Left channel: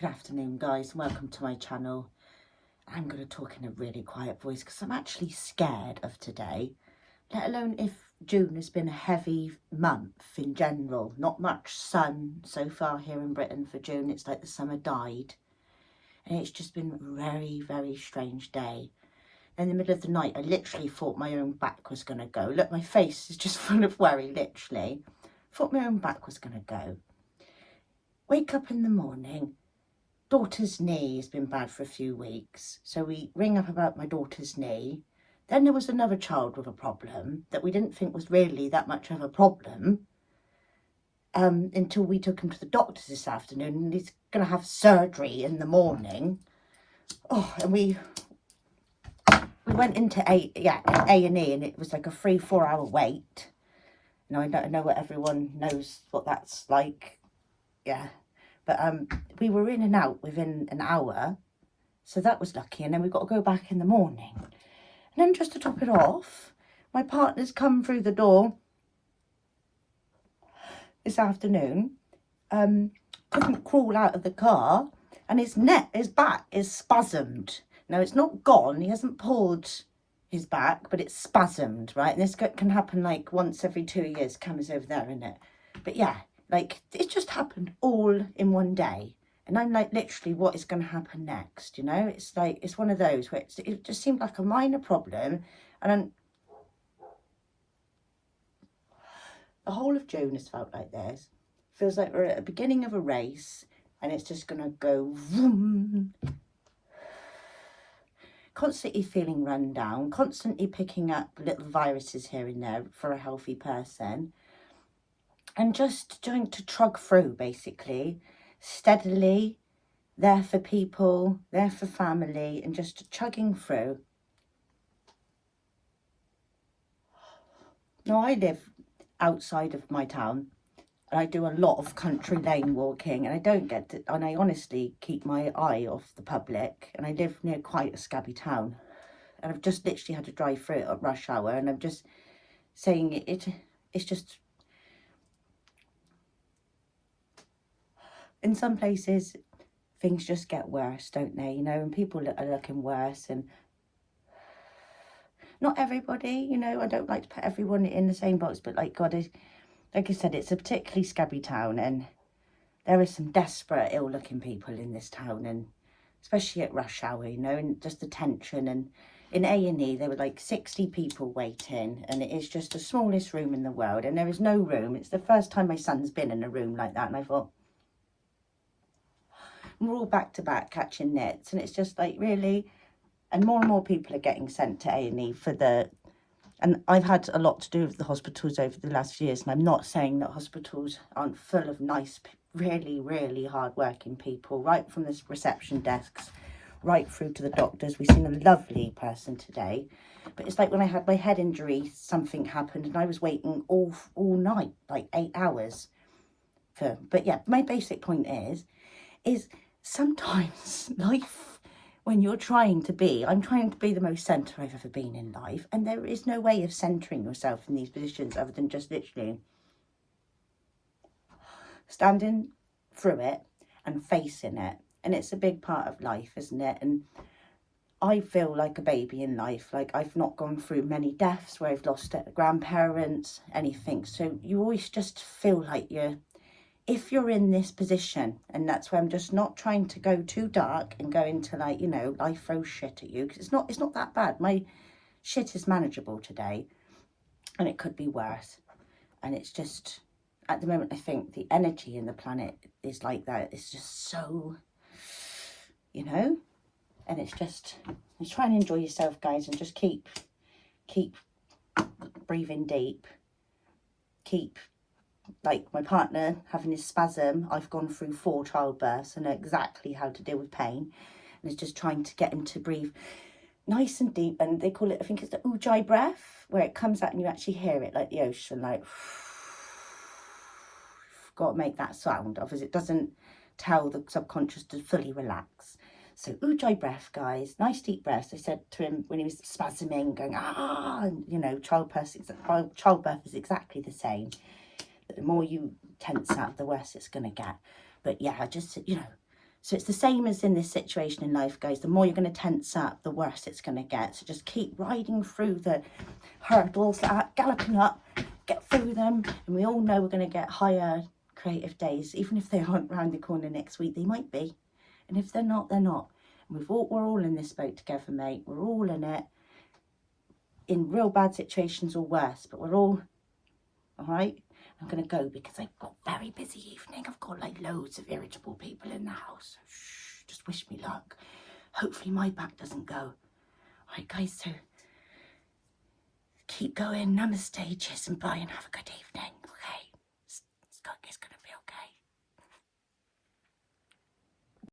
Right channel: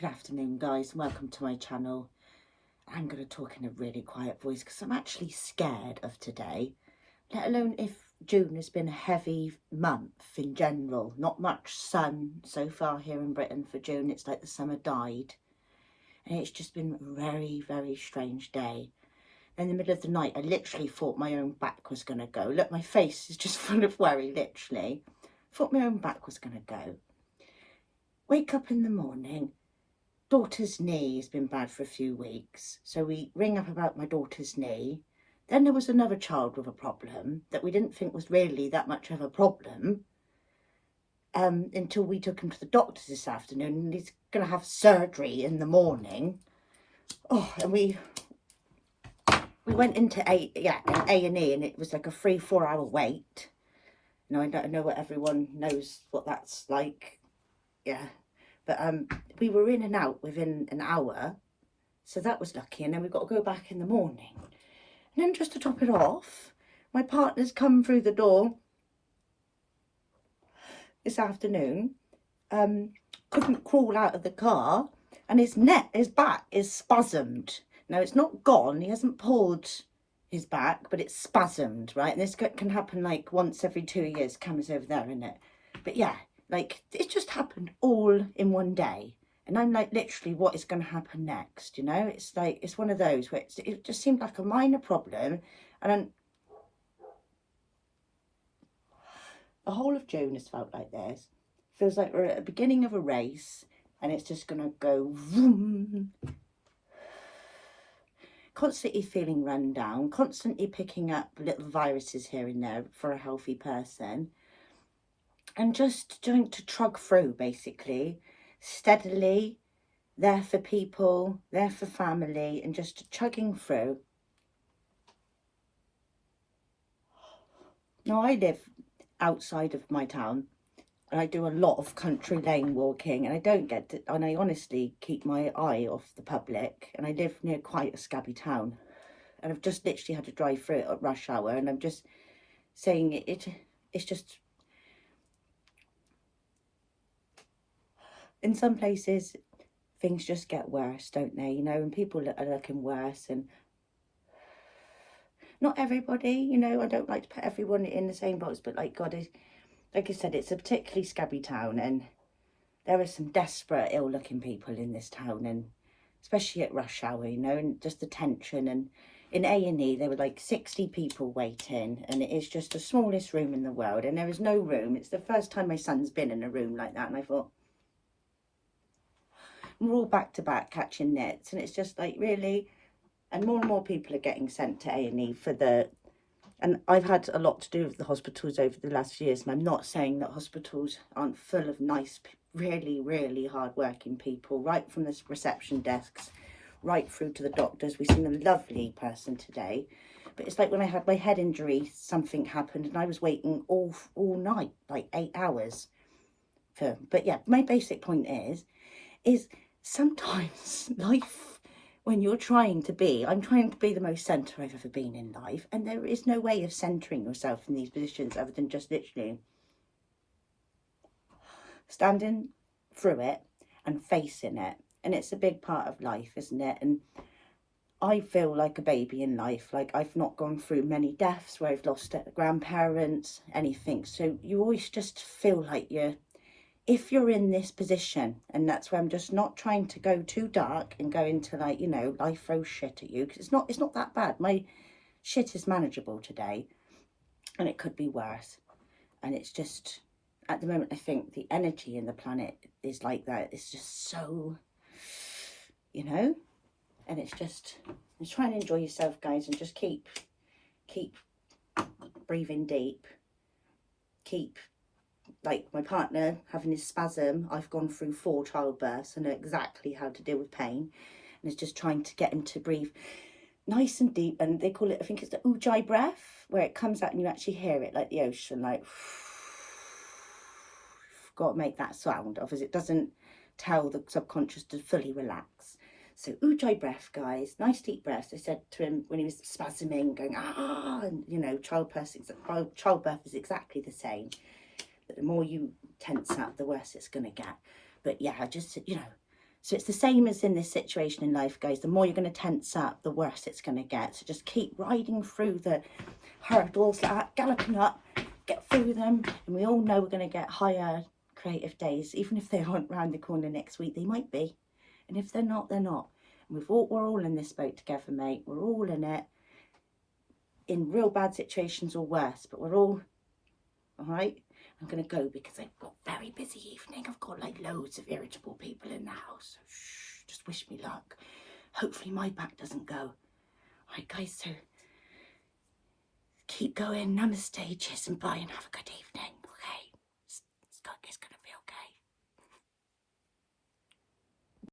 Good afternoon, guys, and welcome to my channel. I'm going to talk in a really quiet voice because I'm actually scared of today, let alone if June has been a heavy month in general. Not much sun so far here in Britain for June. It's like the summer died, and it's just been a very, very strange day. In the middle of the night, I literally thought my own back was going to go. Look, my face is just full of worry, literally. Thought my own back was going to go. Wake up in the morning. Daughter's knee has been bad for a few weeks, so we ring up about my daughter's knee. Then there was another child with a problem that we didn't think was really that much of a problem until we took him to the doctor this afternoon, and he's going to have surgery in the morning. Oh, and we went into A&E, and it was like a 3-4 hour wait. Now, I don't know what everyone knows what that's like. Yeah. But we were in and out within an hour, so that was lucky. And then we've got to go back in the morning. And then just to top it off, my partner's come through the door this afternoon, couldn't crawl out of the car, and his back is spasmed. Now, it's not gone. He hasn't pulled his back, but it's spasmed, right? And this can happen like once every 2 years. Camera's over there, isn't it? But yeah. Like, it just happened all in one day. And I'm like, literally, what is going to happen next? You know, it's like, it's one of those where it just seemed like a minor problem. And the whole of June has felt like this. Feels like we're at the beginning of a race and it's just going to go vroom. Constantly feeling run down, constantly picking up little viruses here and there for a healthy person. And just trying to trug through, basically, steadily, there for people, there for family, and just chugging through. Now, I live outside of my town, and I do a lot of country lane walking, and I don't get to, and I honestly keep my eye off the public, and I live near quite a scabby town, and I've just literally had to drive through it at rush hour, and I'm just saying it's just... In some places, things just get worse, don't they? You know, and people are looking worse. And not everybody, you know, I don't like to put everyone in the same box. But like I said, it's a particularly scabby town. And there are some desperate, ill-looking people in this town. And especially at rush hour, you know, and just the tension. And in A&E, there were like 60 people waiting. And it is just the smallest room in the world. And there is no room. It's the first time my son's been in a room like that. And I thought... We're all back to back catching nets, and it's just like, really. And more people are getting sent to A&E for the... And I've had a lot to do with the hospitals over the last few years, and I'm not saying that hospitals aren't full of nice, really, really hard-working people, right from the reception desks, right through to the doctors. We've seen a lovely person today. But it's like when I had my head injury, something happened, and I was waiting all night, like 8 hours. But yeah, my basic point is sometimes life, when you're I'm trying to be the most centre I've ever been in life, and there is no way of centering yourself in these positions other than just literally standing through it and facing it. And it's a big part of life, isn't it? And I feel like a baby in life. Like, I've not gone through many deaths where I've lost grandparents, anything. So you always just feel like if you're in this position, and that's why I'm just not trying to go too dark and go into, like, you know, life throws shit at you, because it's not that bad. My shit is manageable today, and it could be worse. And it's just, at the moment, I think the energy in the planet is like that. It's just so, you know, and it's just try and enjoy yourself, guys, and just keep breathing deep, like my partner having his spasm. I've gone through 4 childbirths and know exactly how to deal with pain, and it's just trying to get him to breathe nice and deep. And they call it, I think it's the ujjayi breath, where it comes out and you actually hear it like the ocean, like got to make that sound, obviously it doesn't tell the subconscious to fully relax. So ujjayi breath, guys, nice deep breaths. I said to him when he was spasming, going and you know, childbirth is exactly the same. The more you tense up, the worse it's going to get. But yeah, I just, you know, So it's the same as in this situation in life, guys. The more you're going to tense up, the worse it's going to get. So just keep riding through the hurdles, like that, galloping up, get through them. And we all know we're going to get higher creative days. Even if they aren't round the corner next week, they might be. And if they're not, they're not. And we're all in this boat together, mate. We're all in it. In real bad situations or worse, but we're all right. I'm going to go because I've got a very busy evening. I've got like loads of irritable people in the house. So shh, just wish me luck. Hopefully my back doesn't go. All right, guys, so keep going. Namaste, cheers and bye, and have a good evening.